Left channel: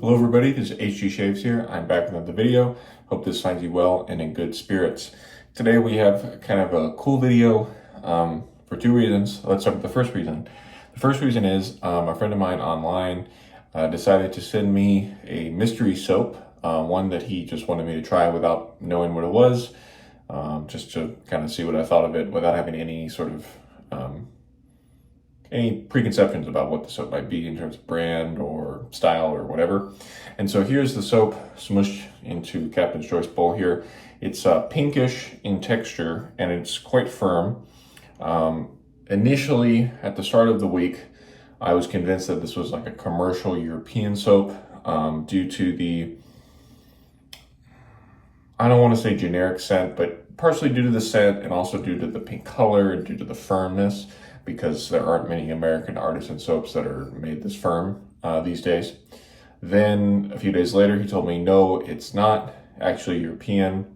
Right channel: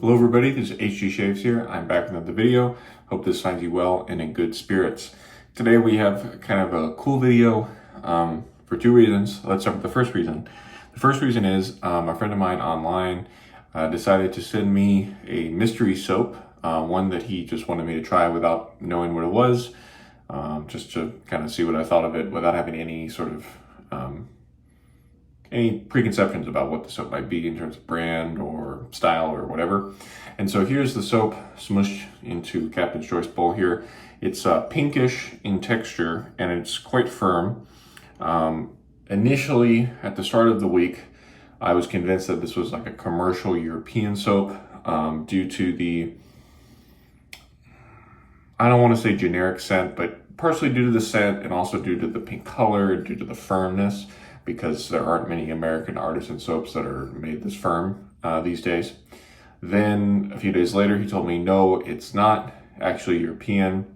Hello everybody, this is HG Shaves here. I'm back with another video. Hope this finds you well and in good spirits. Today we have kind of a cool video for two reasons. Let's start with the first reason. The first reason is a friend of mine online decided to send me a mystery soap, one that he just wanted me to try without knowing what it was, just to kind of see what I thought of it without having any sort of any preconceptions about what the soap might be in terms of brand or style or whatever. And so here's the soap smushed into Captain's Choice bowl here. It's pinkish in texture and it's quite firm. Initially, at the start of the week, I was convinced that this was like a commercial European soap due to the, I don't want to say generic scent, but partially due to the scent and also due to the pink color and due to the firmness, because there aren't many American artisan soaps that are made this firm these days. Then a few days later, he told me, no, it's not actually European.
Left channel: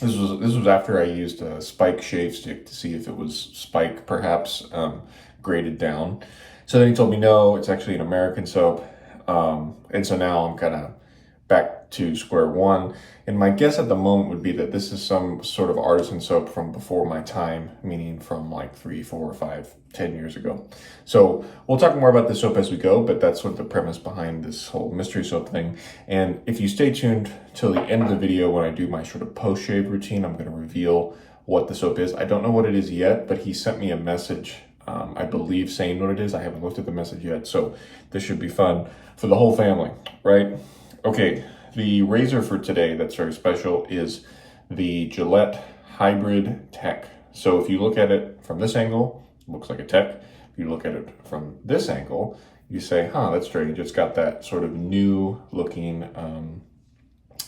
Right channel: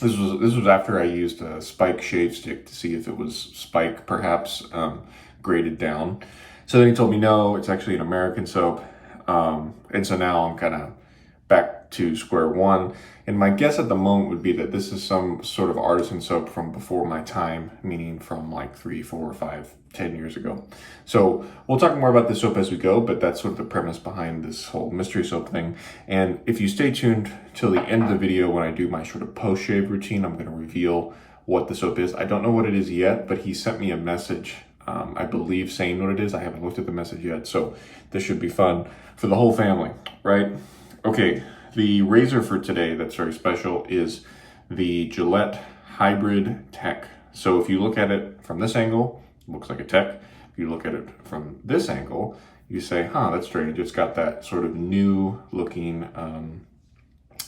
This was after I used a Spike shave stick to see if it was Spike, perhaps graded down. So then he told me, no, it's actually an American soap. And so now I'm kind of back to square one. And my guess at the moment would be that this is some sort of artisan soap from before my time, meaning from like 3, 4, 5, 10 years ago. So we'll talk more about the soap as we go, but that's sort of the premise behind this whole mystery soap thing. And if you stay tuned till the end of the video, when I do my sort of post-shave routine, I'm going to reveal what the soap is. I don't know what it is yet, but he sent me a message, I believe, saying what it is. I haven't looked at the message yet, so this should be fun for the whole family, right? Okay, the razor for today that's very special is the Gillette Hybrid Tech. So if you look at it from this angle, it looks like a Tech. If you look at it from this angle, you say, huh, that's strange. It's got that sort of new looking,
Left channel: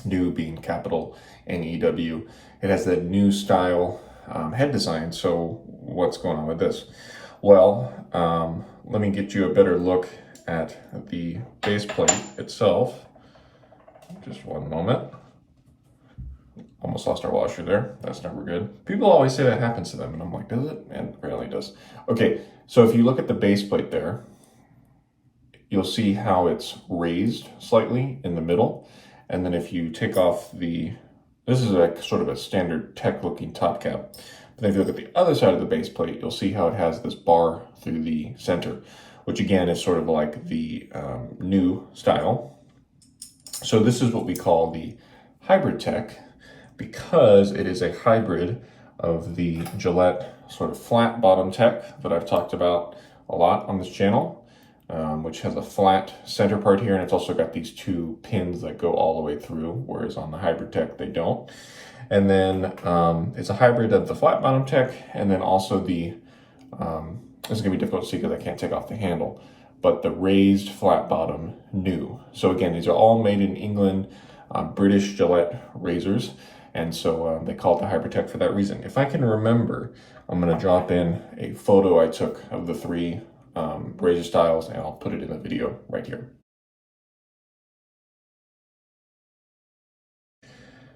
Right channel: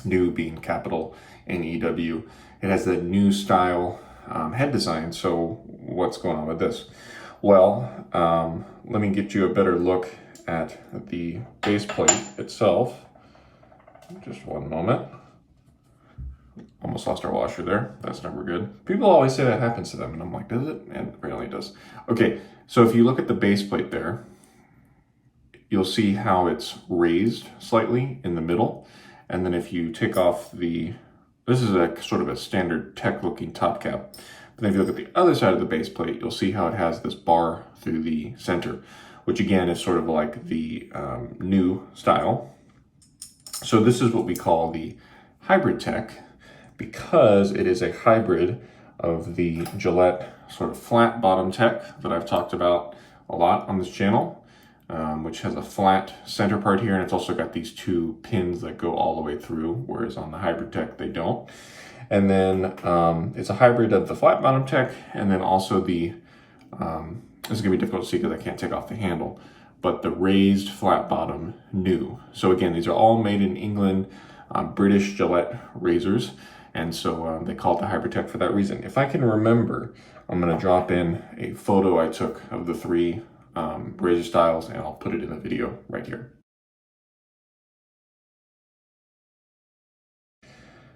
new being capital N-E-W. It has that new style head design. So what's going on with this? Well, let me get you a better look at the base plate itself. Just one moment. Almost lost our washer there. That's never good. People always say that happens to them, and I'm like, does it? And it really does. Okay, so if you look at the base plate there, you'll see how it's raised slightly in the middle. And then if you take off this is a sort of a standard Tech looking top cap. But then if you look at the other side of the base plate, you'll see how it has this bar through the center, which again is sort of like the new style. So this is what we call the Hybrid Tech, because it is a hybrid of the Gillette sort of flat bottom Tech that I've talked about a lot on this channel, which has a flat center part here, and it's also got these two pins that go all the way through, whereas on the Hybrid Tech they don't. And then it's a hybrid of the flat bottom Tech, and then also the, this is gonna be difficult to see because I can't take off the handle, but the raised flat bottom new. So again, these are all made in England, British Gillette razors. And so they call it the Hybrid Tech for that reason. If I can remember, I'm gonna drop in a photo I took of the three razor styles, and I'll put it in the video right here.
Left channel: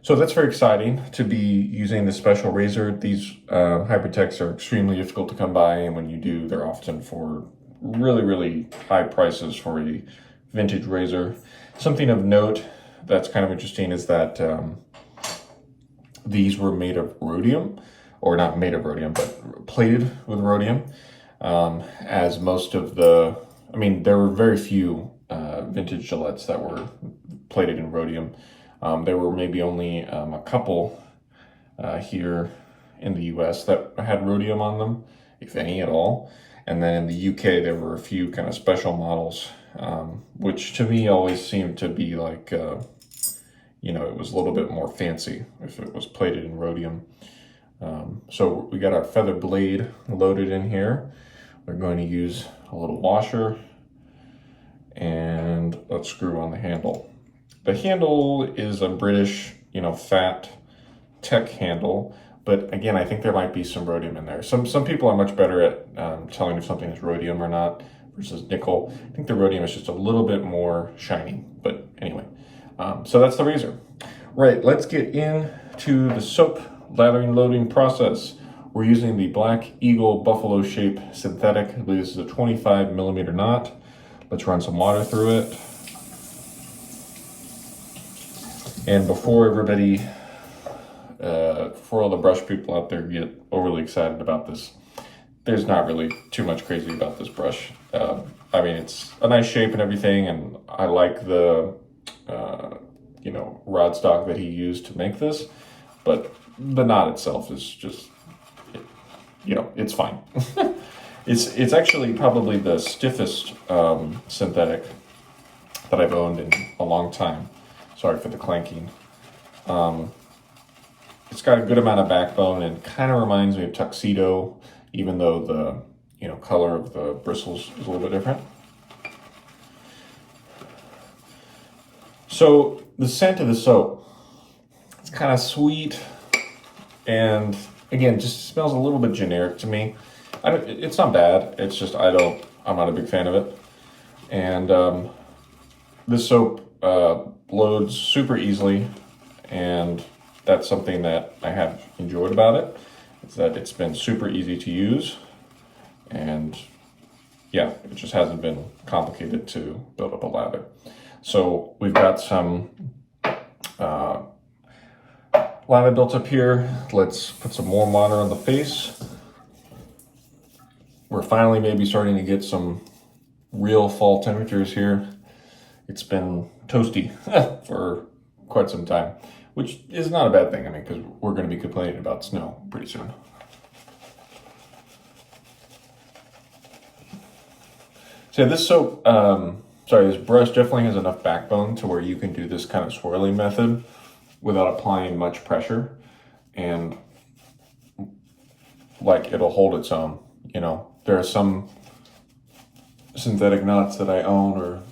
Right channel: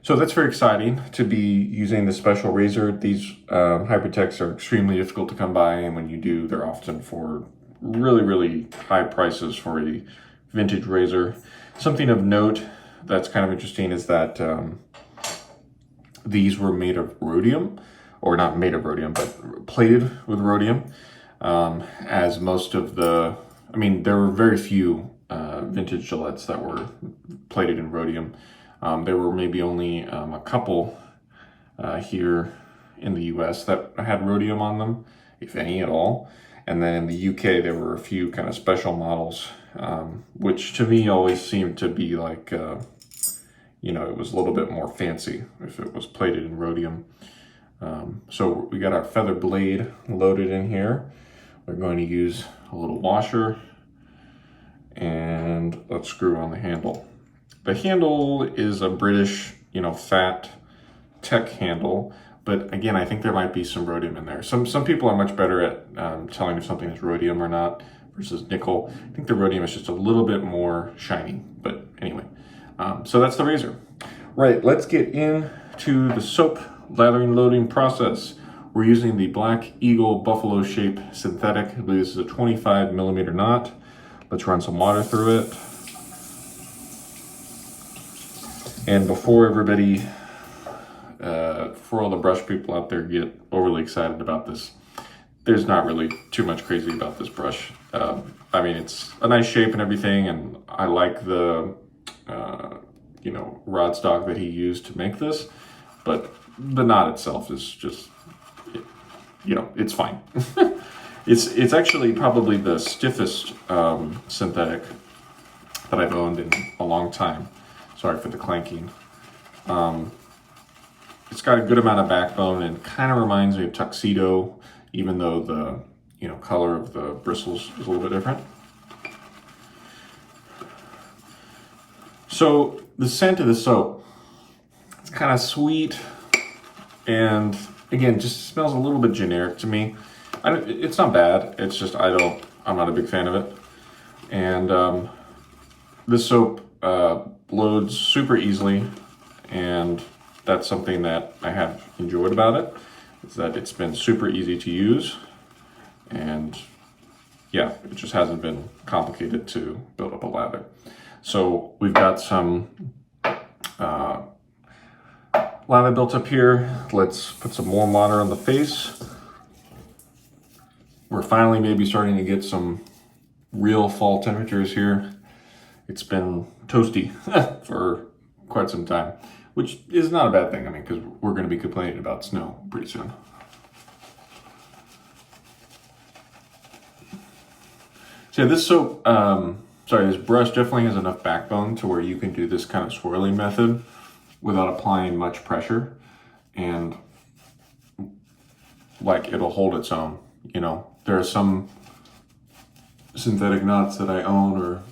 So that's very exciting to be using this special razor. These Hybrid Techs are extremely difficult to come by, and when you do, they're often for really, really high prices for a vintage razor. Something of note that's kind of interesting is that these were made of rhodium, or not made of rhodium, but plated with rhodium. As most of the, I mean, there were very few vintage Gillettes that were plated in rhodium. There were maybe only a couple here in the US that had rhodium on them, if any at all. And then in the UK, there were a few kind of special models, which to me always seemed to be like, you know, it was a little bit more fancy if it was plated in rhodium. So we got our feather blade loaded in here. We're going to use a little washer, and let's screw on the handle. The handle is a British, you know, fat Tech handle. But again, I think there might be some rhodium in there. Some people are much better at telling if something is rhodium or not versus nickel. I think the rhodium is just a little bit more shiny. But anyway, so that's the razor. Right, let's get into the soap lathering loading process. We're using the Black Eagle Buffalo Shape Synthetic. I believe this is a 25mm knot. Let's run some water through it. And before everybody, before all the brush people out there get overly excited about this, there's not really too much crazy about this brush. I mean, it's a nice shape and everything, and I like the, rod stock that he used to make this, but the knot itself is just, it's fine. It's actually probably the stiffest synthetic that I've owned in a long time. Sorry for the clanking. It's got a good amount of backbone and kind of reminds me of Tuxedo, even though the color of the bristles is a little bit different. So the scent of the soap, it's kind of sweet, and again, just smells a little bit generic to me. It's not bad. It's just I'm not a big fan of it. And this soap loads super easily, and that's something that I have enjoyed about it. Is that it's been super easy to use, and yeah, it just hasn't been complicated to build up a lather. So we've got some lather built up here. Let's put some warm water on the face. We're finally maybe starting to get some real fall temperatures here. It's been toasty for quite some time, which is not a bad thing. I mean, because we're going to be complaining about snow pretty soon. So yeah, this soap, this brush definitely has enough backbone to where you can do this kind of swirling method without applying much pressure, and like it'll hold its own. There are some synthetic knots that I own or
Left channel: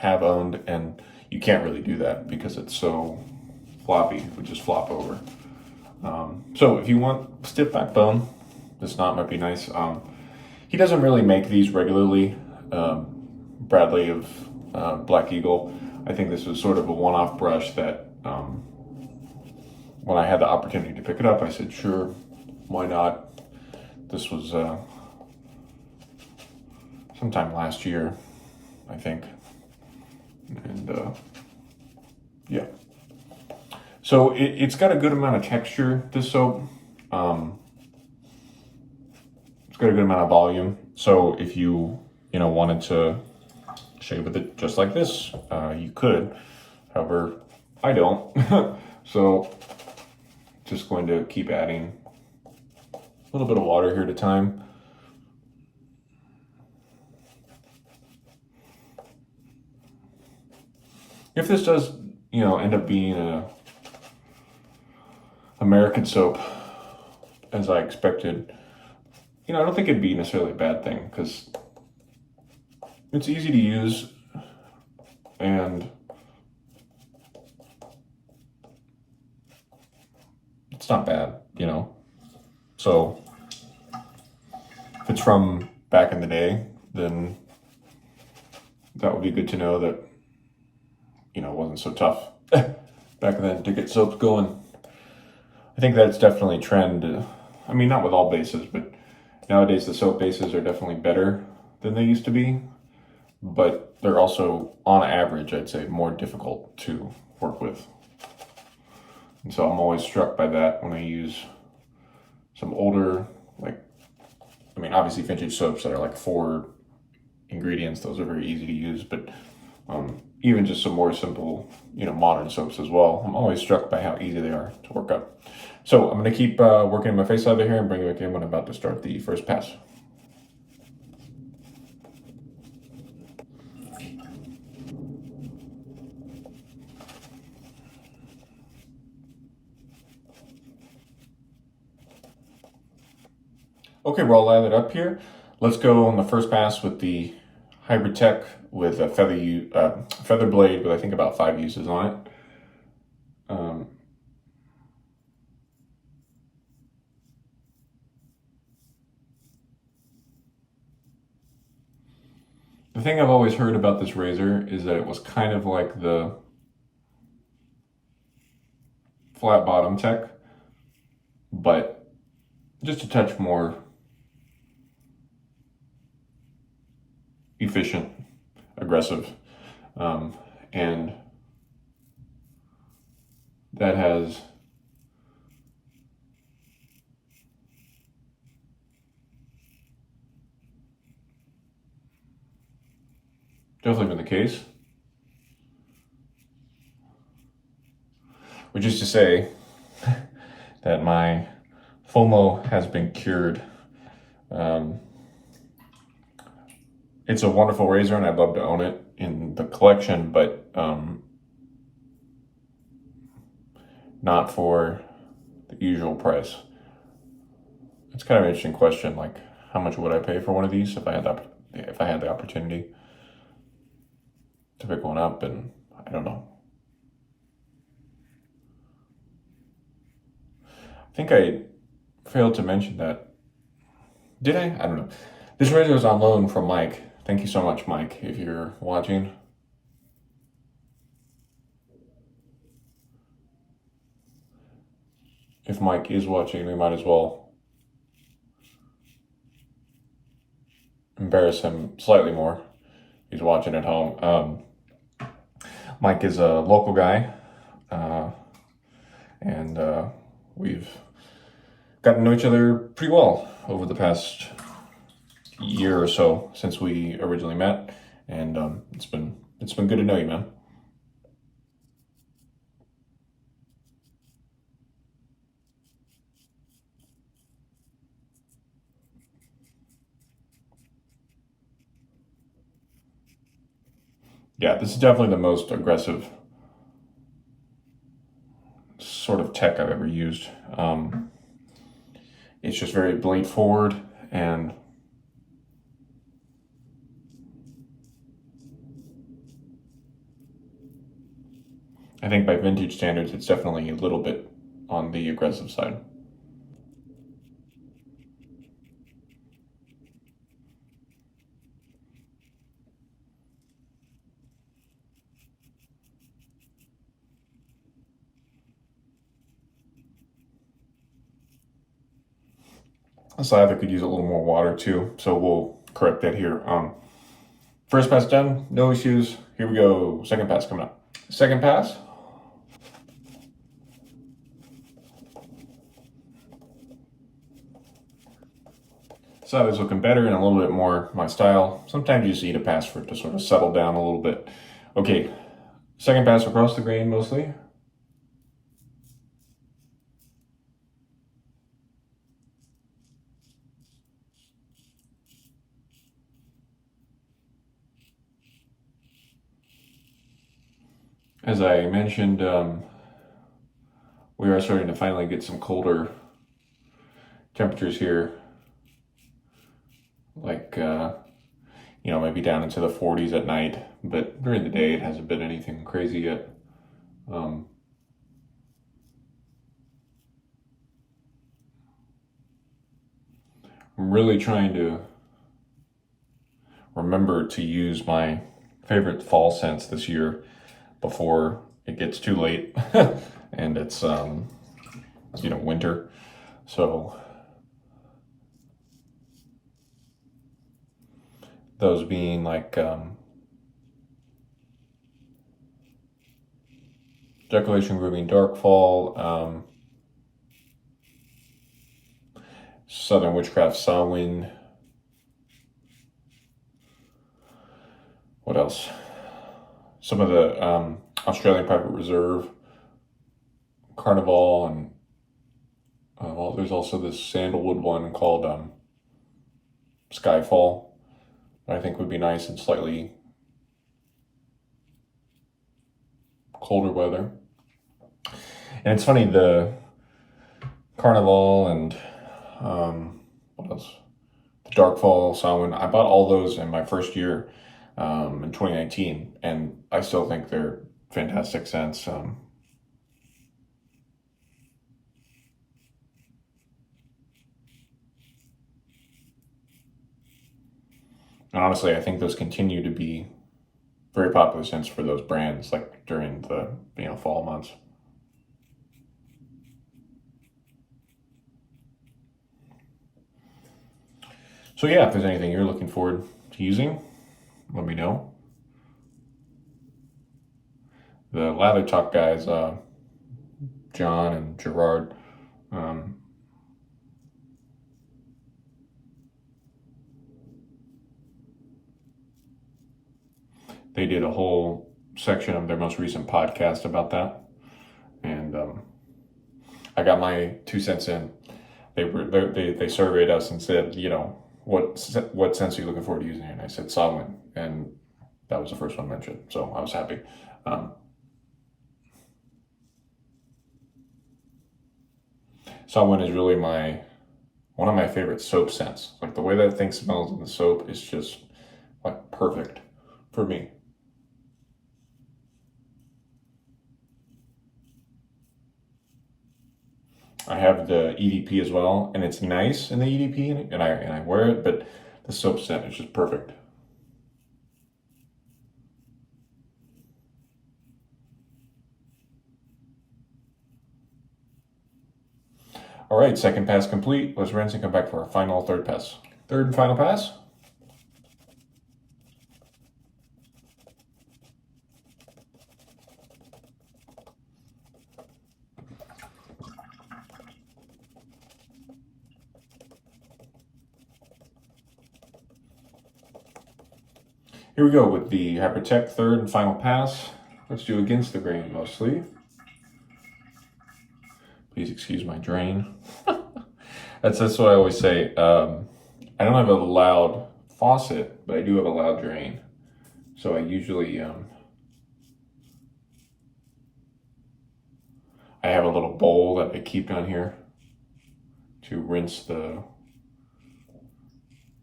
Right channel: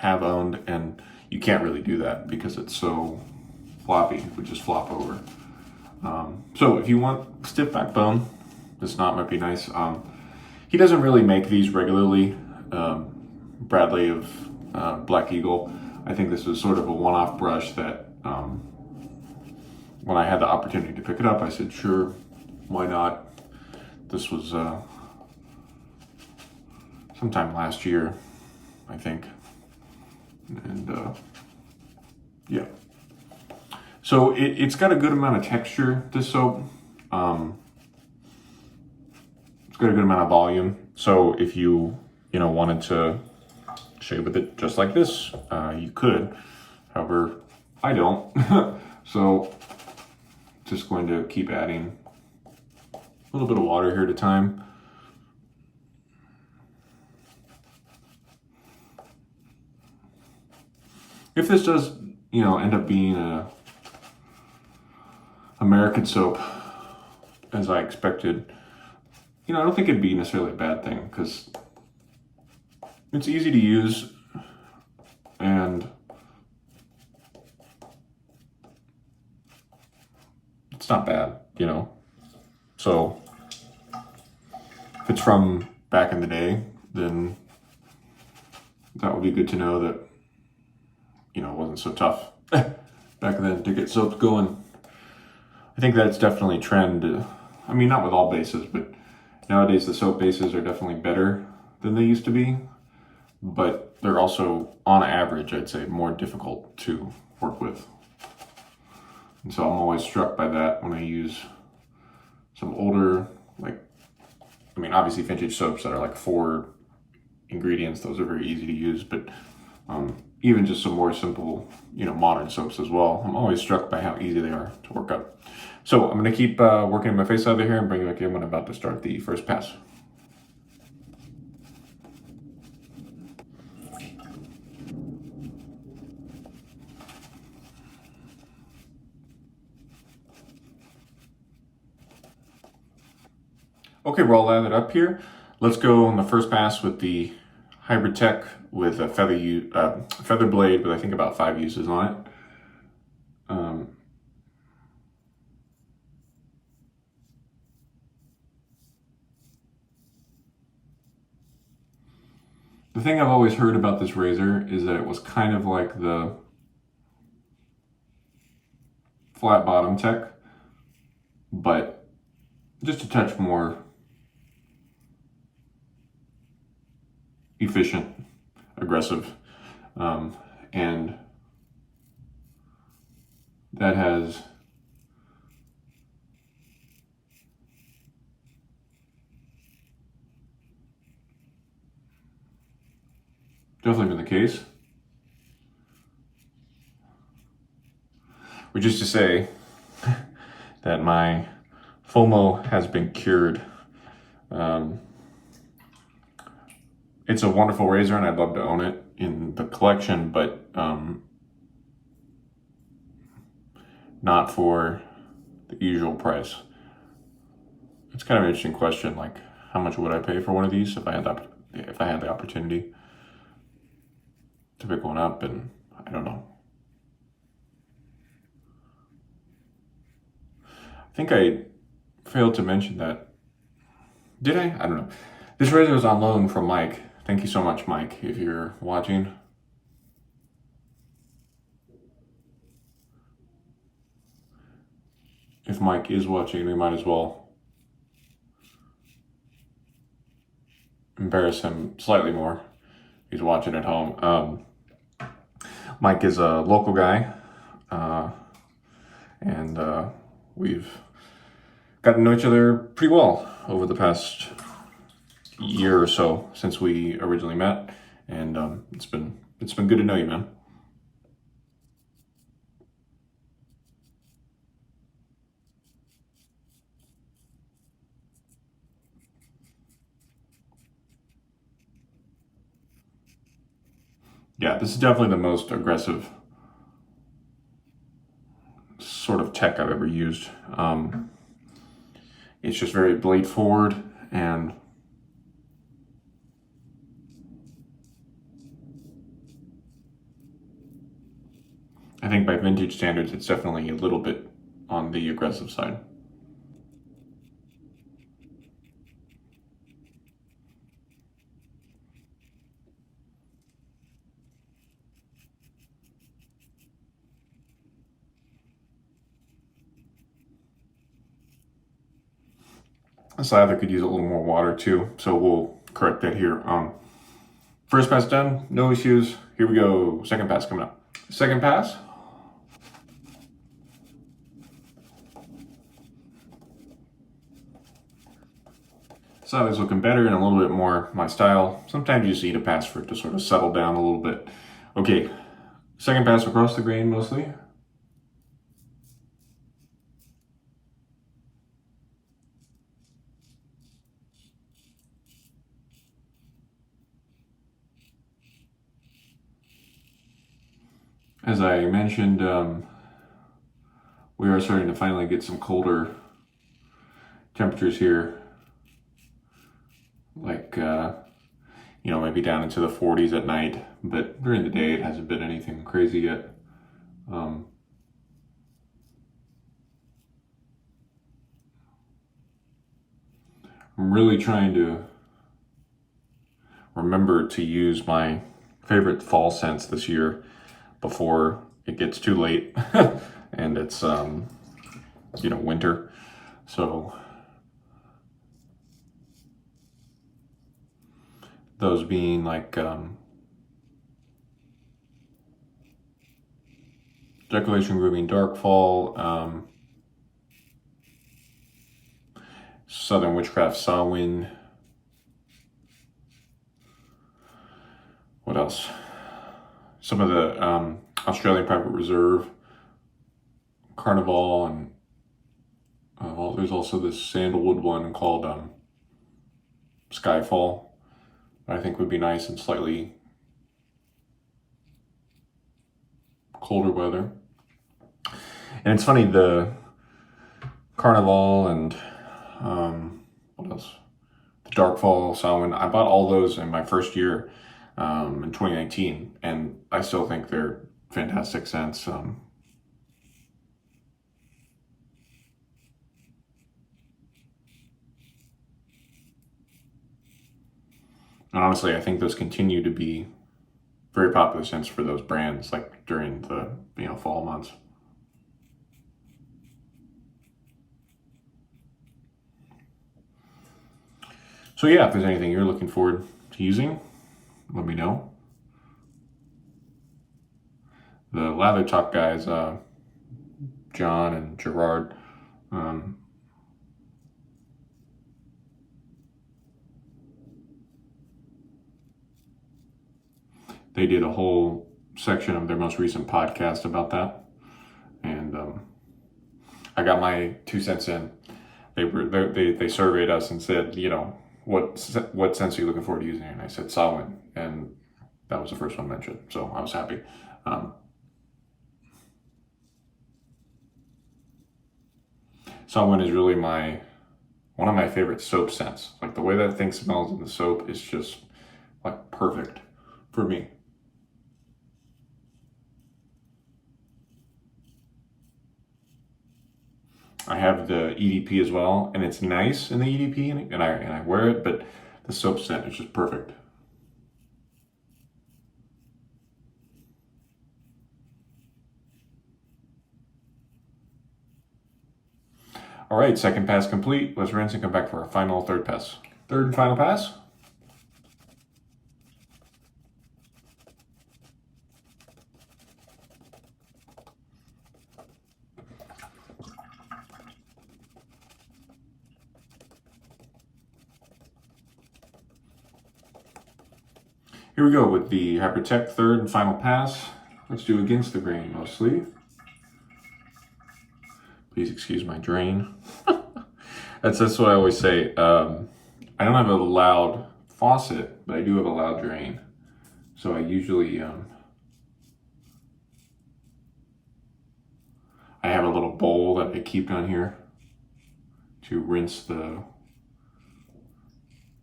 have owned, and you can't really do that because it's so floppy. It would just flop over. So if you want stiff backbone, this knot might be nice. He doesn't really make these regularly. Bradley of Black Eagle. I think this was sort of a one-off brush that when I had the opportunity to pick it up, I said, sure, why not? This was sometime last year, I think. And yeah. So it's got a good amount of texture, this soap. It's got a good amount of volume. So if you wanted to shave with it just like this, you could. However, I don't. So just going to keep adding a little bit of water here at a time. If this does, end up being a American soap, as I expected, I don't think it'd be necessarily a bad thing, because it's easy to use, and it's not bad, So if it's from back in the day, then that would be good to know that, it wasn't so tough back then to get soaps going. I think that's definitely a trend. I mean, not with all bases, but nowadays the soap bases are definitely better than they used to be, but they're also, on average, I'd say, more difficult to work with. And so I'm always struck by that when I use some older, obviously vintage soaps that are like 4 ingredients. Those are very easy to use, but even just some more simple, modern soaps as well. I'm always struck by how easy they are to work up. So I'm going to keep working my face out of here and bring it back in when I'm about to start the first pass. Okay, we're all lathered up here. Let's go on the first pass with the Hybrid Tech with a feather blade with I think about 5 uses on it. The thing I've always heard about this razor is that it was kind of like the flat bottom Tech, but just a touch more efficient, aggressive, and that has definitely been the case. Which is to say that my FOMO has been cured. It's a wonderful razor and I'd love to own it in the collection, but not for the usual price. It's kind of an interesting question, like how much would I pay for one of these if I had the opportunity to pick one up, and I don't know. I think I failed to mention that. Did I? I don't know. This razor is on loan from Mike. Thank you so much, Mike, if you're watching. If Mike is watching, we might as well embarrass him slightly more. He's watching at home. Mike is a local guy, and we've gotten to know each other pretty well over the past year or so since we originally met, and it's been good to know you, man. Yeah, this is definitely the most aggressive sort of tech I've ever used. It's just very blade forward, and I think by vintage standards, it's definitely a little bit on the aggressive side. This lather could use a little more water too, so we'll correct that here. First pass done, no issues. Here we go, second pass coming up. Second pass. This lather's looking better and a little bit more my style. Sometimes you just need a pass for it to sort of settle down a little bit. Okay, second pass across the grain mostly. As I mentioned, we are starting to finally get some colder temperatures here, like, maybe down into the 40s at night, but during the day it hasn't been anything crazy yet. I'm really trying to remember to use my favorite fall scents this year before it gets too late and it's winter. So those being like Decoration Grooming Dark Fall, Southern Witchcraft Samhain. What else? Some of the Australian Private Reserve, Carnival, and there's also this sandalwood one called Skyfall. I think would be nice in slightly colder weather. And it's funny, the Carnival and what else? The Dark Fall, Samhain. I bought all those in my first year in 2019, and I still think they're fantastic scents. And honestly, I think those continue to be very popular scents for those brands, like during the fall months. So yeah, if there's anything you're looking forward to using, let me know. The Lather Talk guys John and Gerard. They did a whole section of their most recent podcast about that, and I got my 2 cents in. They surveyed us and said, what scents are you looking forward to using? And I said Solomon, and that was the first one mentioned, so I was happy. Solomon is really one of my favorite soap scents. Like the way that thing smells in the soap is just like perfect for me. I have the EDP as well, and it's nice in the EDP, and I wear it, but the soap scent is just perfect. All right, second pass complete. Let's rinse and come back for our final third pass. Third and final pass. Here we go with the Hypertech third and final pass. Let's do against the grain mostly. Please excuse my drain. That's what I always say. I don't have a loud faucet, but I do have a loud drain. So I usually, I have a little bowl that I keep down here to rinse the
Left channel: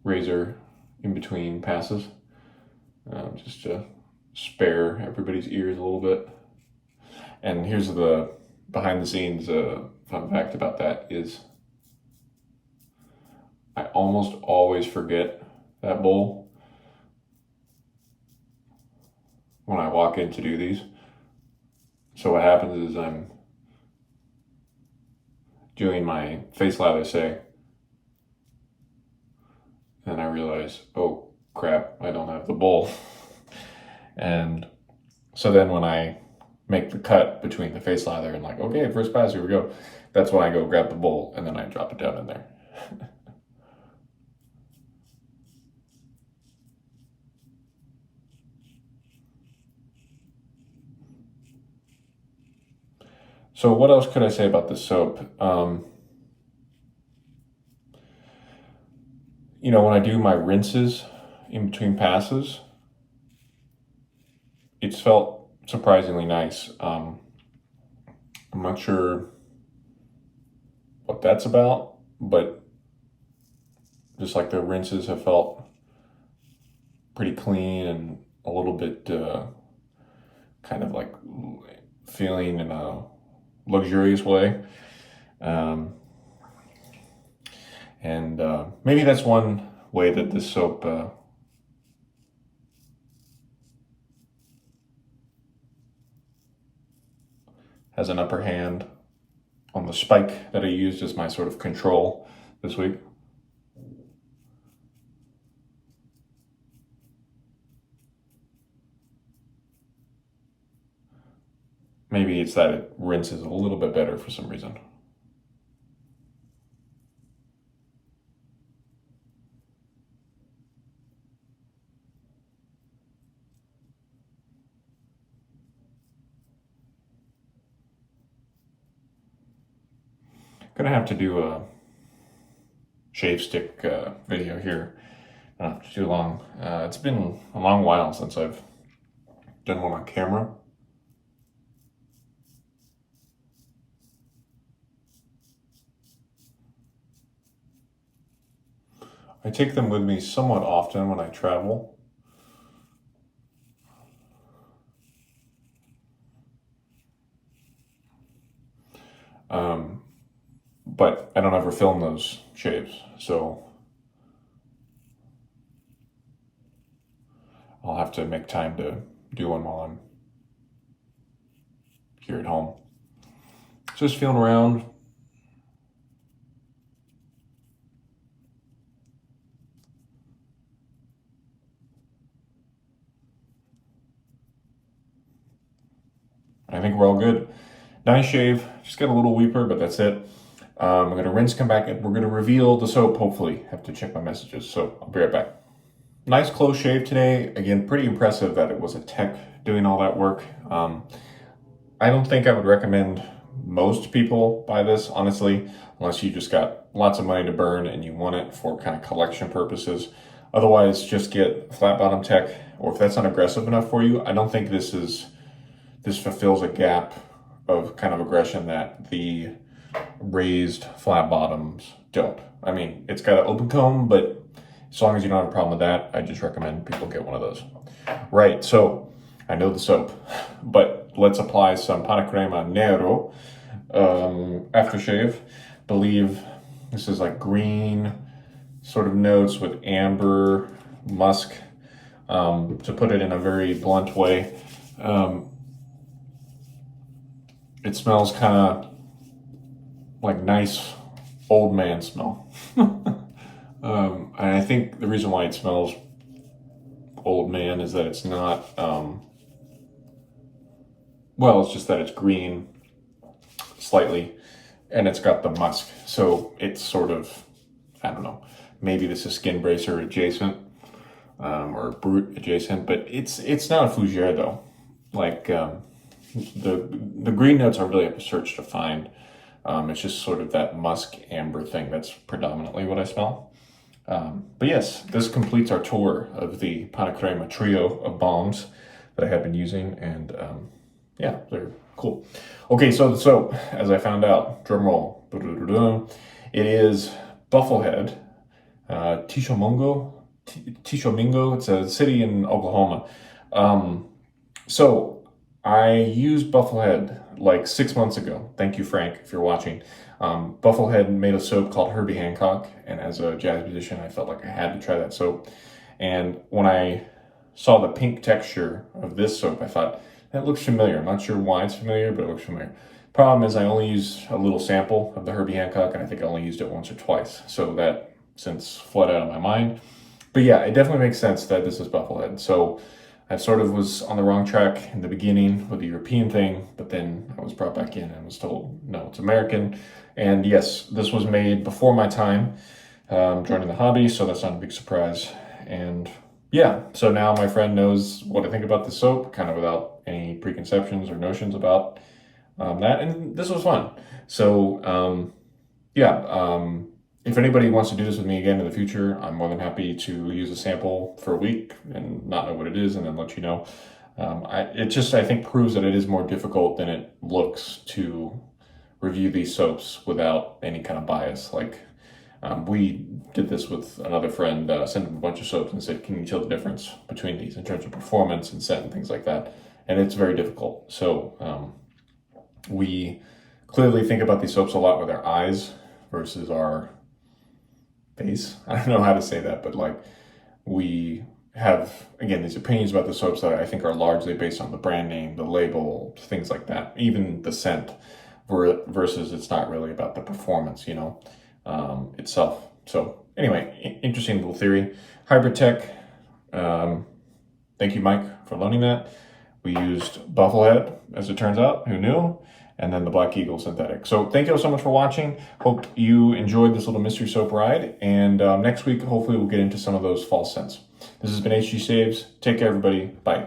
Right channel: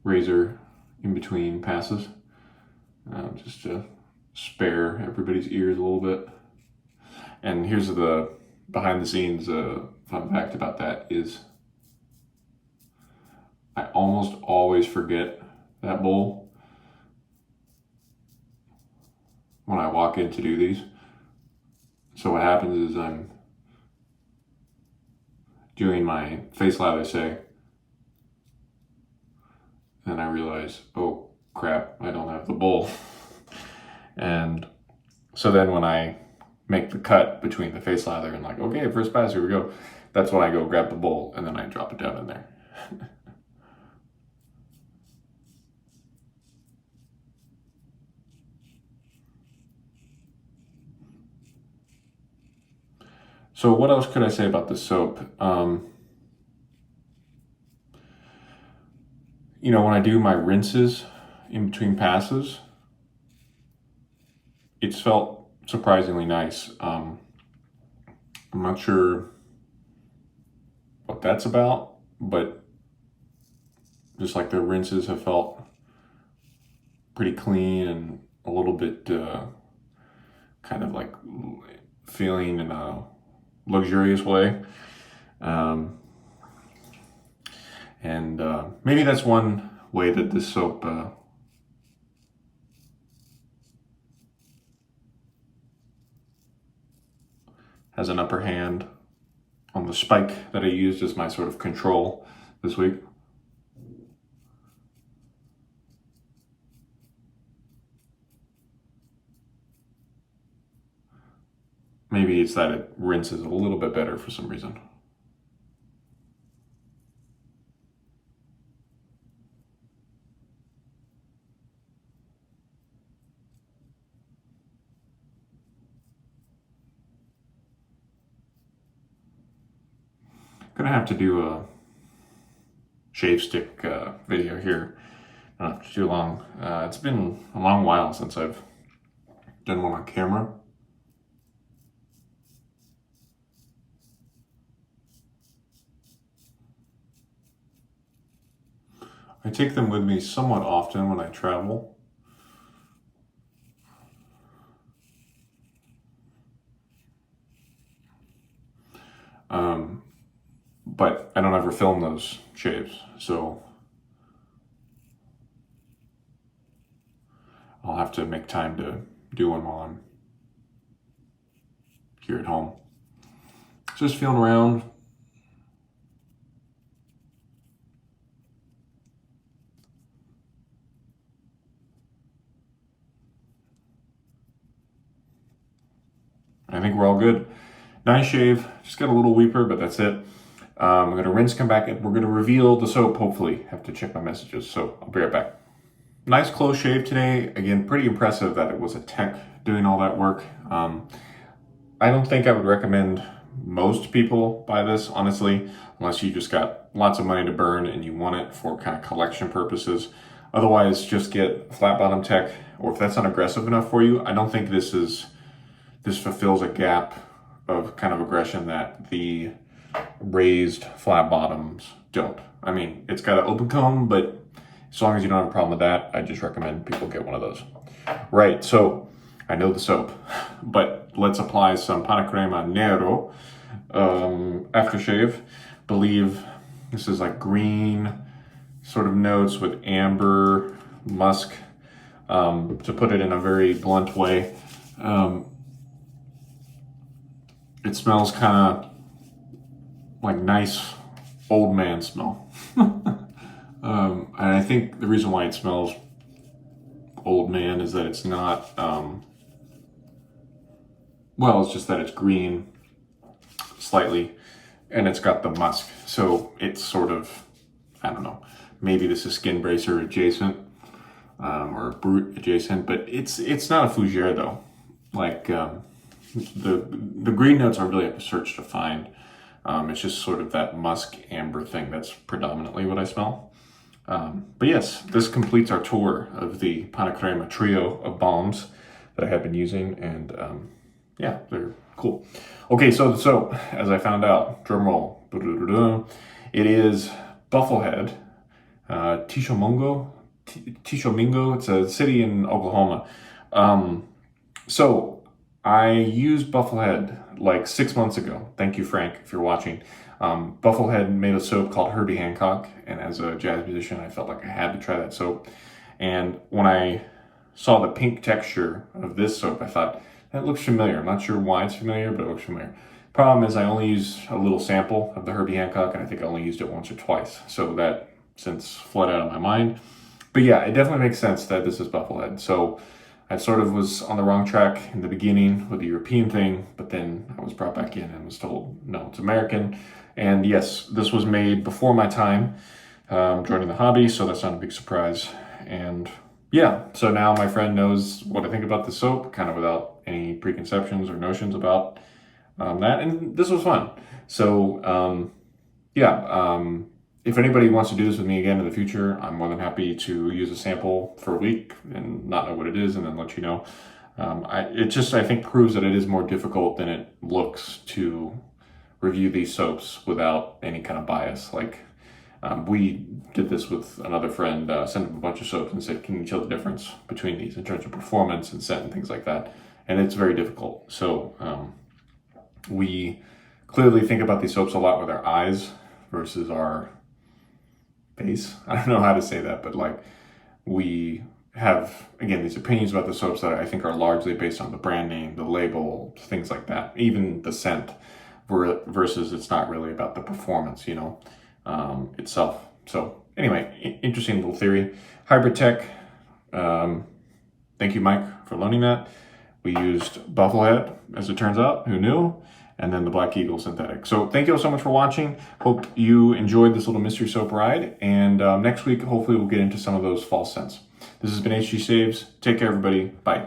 razor in between passes. Just to spare everybody's ears a little bit. And here's the behind the scenes fun fact about that is I almost always forget that bowl when I walk in to do these. So what happens is I'm doing my face lather, say, and I realize, oh crap, I don't have the bowl. And so then when I make the cut between the face lather and like, okay, first pass, here we go, that's when I go grab the bowl and then I drop it down in there. So what else could I say about this soap? When I do my rinses in between passes, it's felt surprisingly nice. I'm not sure what that's about, but just like the rinses have felt pretty clean and a little bit kind of like feeling in a luxurious way. And maybe that's one way that this soap has an upper hand on the spike that I used as my sort of control this week. Maybe it's that it rinses a little bit better for some reason. Gonna have to do a shave stick video here. Not too long. It's been a long while since I've done one on camera. I take them with me somewhat often when I travel. But I don't ever film those shaves, so I'll have to make time to do one while I'm here at home. Just feeling around. I think we're all good. Nice shave, just got a little weeper, but that's it. I'm gonna rinse, come back, and we're gonna reveal the soap, hopefully. Have to check my messages, so I'll be right back. Nice close shave today. Again, pretty impressive that it was a tech doing all that work. I don't think I would recommend most people buy this, honestly, unless you just got lots of money to burn and you want it for kind of collection purposes. Otherwise, just get flat bottom tech, or if that's not aggressive enough for you, I don't think this fulfills a gap of kind of aggression that the raised flat bottoms don't. I mean, it's got an open comb, but as long as you don't have a problem with that, I just recommend people get one of those. Right, so I know the soap, but let's apply some Pannacrema A-Nero aftershave. Believe this is like green sort of notes with amber, musk, to put it in a very blunt way. It smells kind of like nice old man smell. And I think the reason why it smells old man is that it's not, well, it's just that it's green slightly and it's got the musk. So it's sort of, I don't know, maybe this is skin bracer adjacent, or brute adjacent, but it's not a fougere though. Like, the green notes are really a search to find. It's just sort of that musk amber thing that's predominantly what I smell. But yes, this completes our tour of the Pannacrema trio of balms that I have been using, and yeah, they're cool. Okay, so the soap, as I found out, drum roll, it is Bufflehead, Tishomingo. It's a city in Oklahoma. So I used Bufflehead like 6 months ago. Thank you, Frank, if you're watching. Bufflehead made a soap called Herbie Hancock, and as a jazz musician, I felt like I had to try that soap. And when I saw the pink texture of this soap, I thought, that looks familiar. I'm not sure why it's familiar, but it looks familiar. Problem is I only used a little sample of the Herbie Hancock, and I think I only used it once or twice. So that since fled out of my mind. But yeah, it definitely makes sense that this is Bufflehead. So I sort of was on the wrong track in the beginning with the European thing, but then I was brought back in and was told, no, it's American. And yes, this was made before my time joining the hobby, so that's not a big surprise. And yeah, so now my friend knows what I think about the soap, kind of without any preconceptions or notions about that, and this was fun. So if anybody wants to do this with me again in the future, I'm more than happy to use a sample for a week and not know what it is and then let you know. It just, I think, proves that it is more difficult than it looks to review these soaps without any kind of bias. Like, we did this with another friend, sent him a bunch of soaps and said, can you tell the difference between these in terms of performance and scent and things like that? And it's very difficult. So we clearly think about these soaps a lot with our eyes versus our face. I don't know how to say that, but like, we have, again, these opinions about the soaps that I think are largely based on the brand name, the label, things like that, even the scent, versus it's not really about the performance, itself. So anyway, interesting little theory. Hybrid tech. Thank you, Mike, for loaning that. We used Bufflehead, as it turns out, who knew? And then the Black Eagle synthetic. So thank you all so much for watching. Hope you enjoyed this little mystery soap ride. And next week, hopefully we'll get into some of those false scents. This has been HG Saves. Take care, everybody. Bye.